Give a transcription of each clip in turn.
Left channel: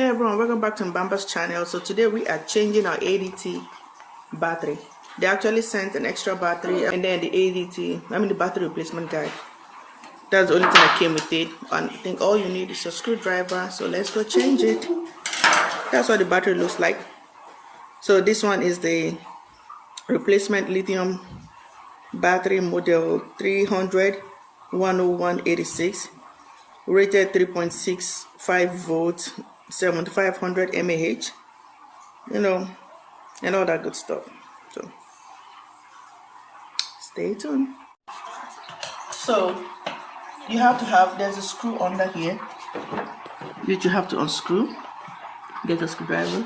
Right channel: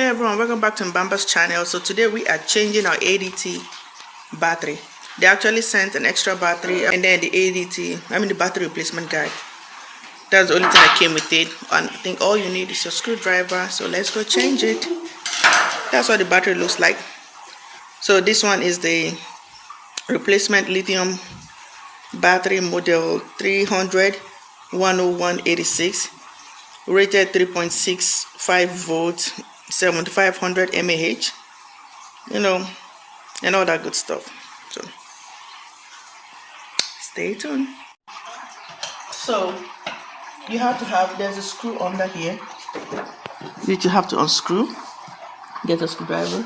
Hey everyone, welcome back to Mbamba's channel. So today we are changing our ADT battery. They actually sent an extra battery and then the the battery replacement guide. That's the only thing that came with it. And I think all you need is your screwdriver. So let's go change it. That's what the battery looks like. So this one is the replacement lithium battery model 300 10186, rated 3.65 volts, 7500 mAh, and all that good stuff. So stay tuned. So you have to have, there's a screw under here that you have to unscrew. Get a screwdriver.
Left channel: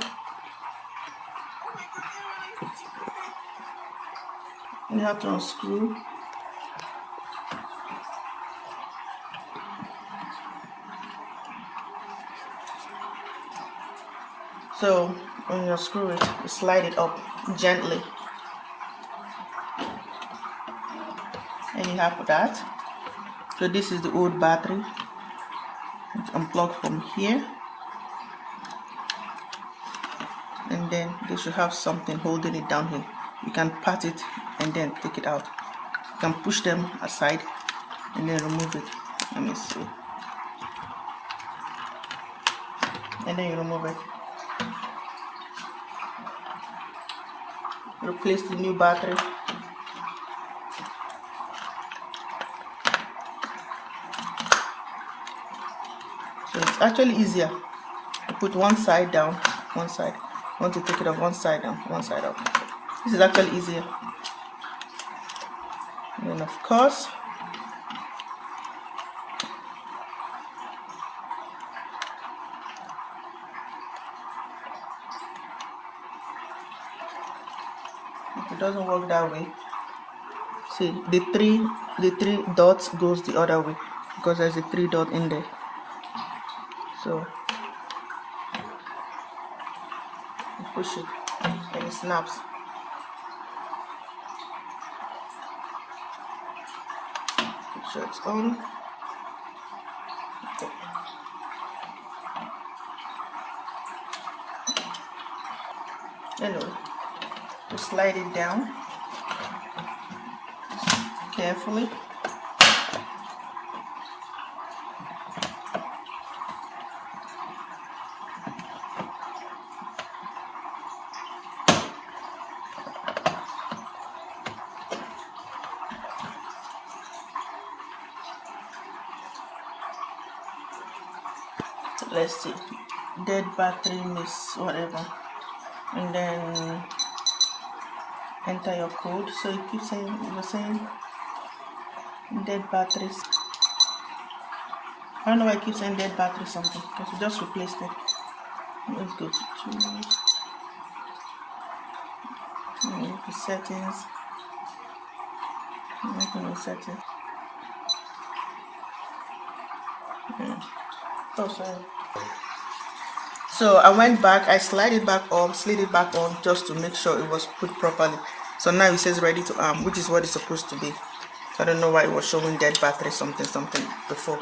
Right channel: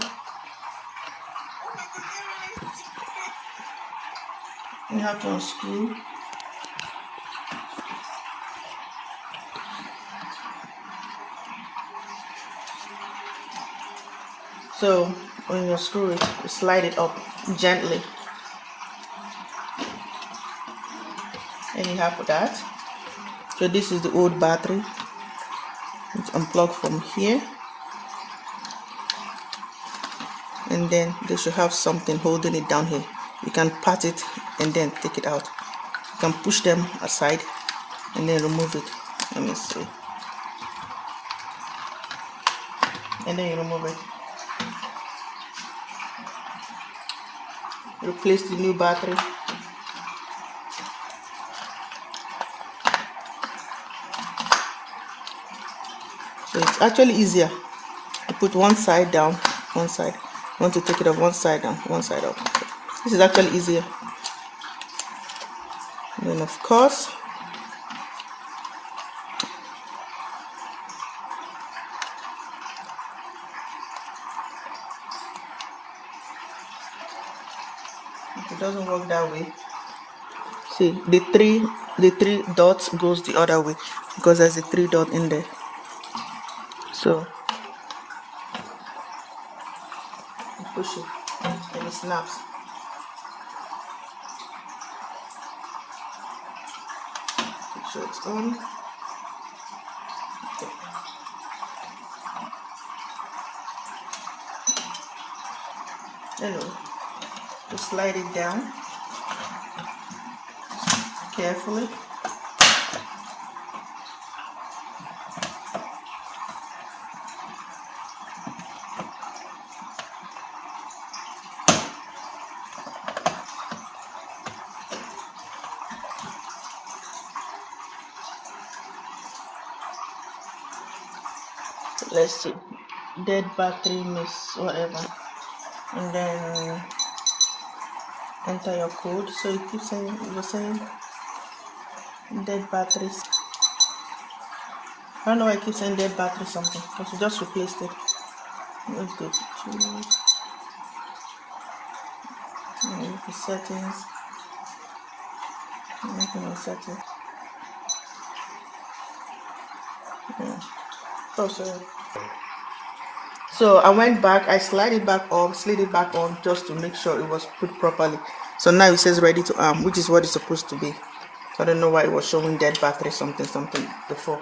You have to unscrew. So when you screw it, you slide it up gently. And you have that. So this is the old battery. It's unplugged from here. And then they should have something holding it down here. You can pat it and then take it out. You can push them aside and then remove it. Let me see. And then you remove it. Replace the new battery. So it's actually easier. You put one side down, one side. You want to take it off, one side down, one side up. This is actually easier. And then of course, if it doesn't work that way, see the three dots goes the other way because there's a 3 dot in there. So you push it and it snaps. Make sure it's on. Okay. Anyway, just slide it down carefully. Let's see, dead battery miss whatever, and then enter your code. So it keeps saying, it was saying dead batteries. I don't know why I keep saying dead battery something, because we just replaced it. Let's go to tools, and settings, settings. Yeah. Oh, sorry. So I went back, I slid it back on just to make sure it was put properly. So now it says ready to arm, which is what it's supposed to be. So I don't know why it was showing dead battery something before.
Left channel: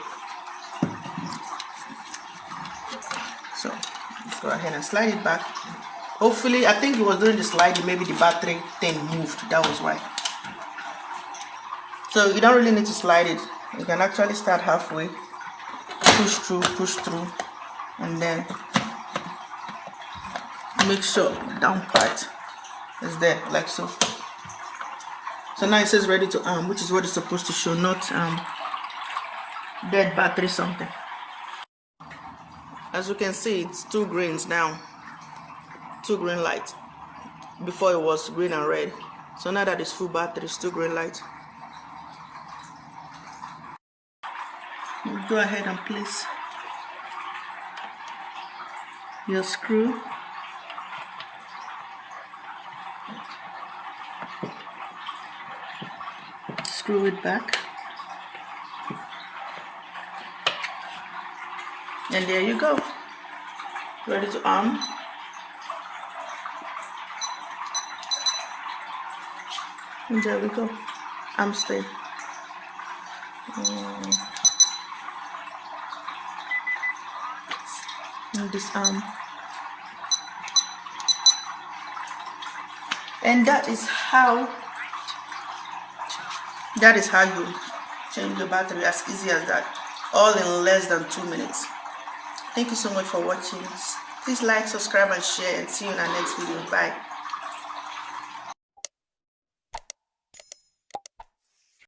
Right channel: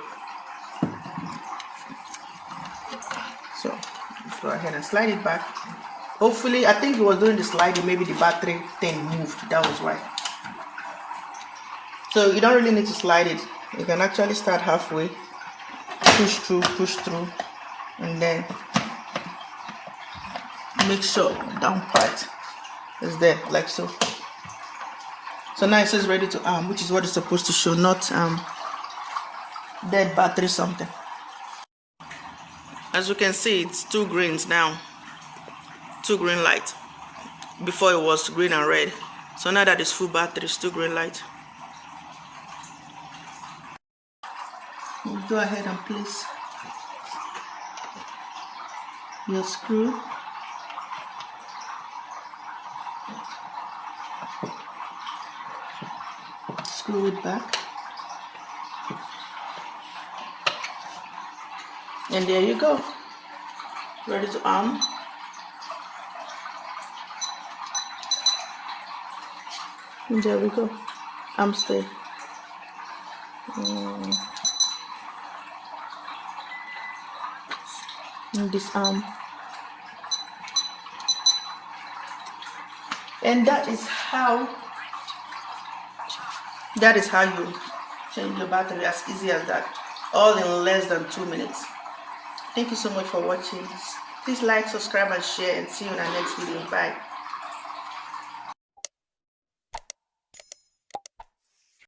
So let's go ahead and slide it back. Hopefully, I think it was doing the sliding, maybe the battery thing moved, that was why. So you don't really need to slide it. You can actually start halfway, push through, and then make sure the down part is there, like so. So now it says ready to arm, which is what it's supposed to show, not dead battery something. As you can see, it's 2 greens now, 2 green lights. Before it was green and red. So now that it's full battery, it's 2 green lights. Go ahead and place your screw. Screw it back. And there you go. Ready to arm. And there we go. Arm stay. and disarm. And that is how you change your battery, as easy as that, all in less than 2 minutes. Thank you so much for watching. Please like, subscribe and share, and see you in our next video. Bye.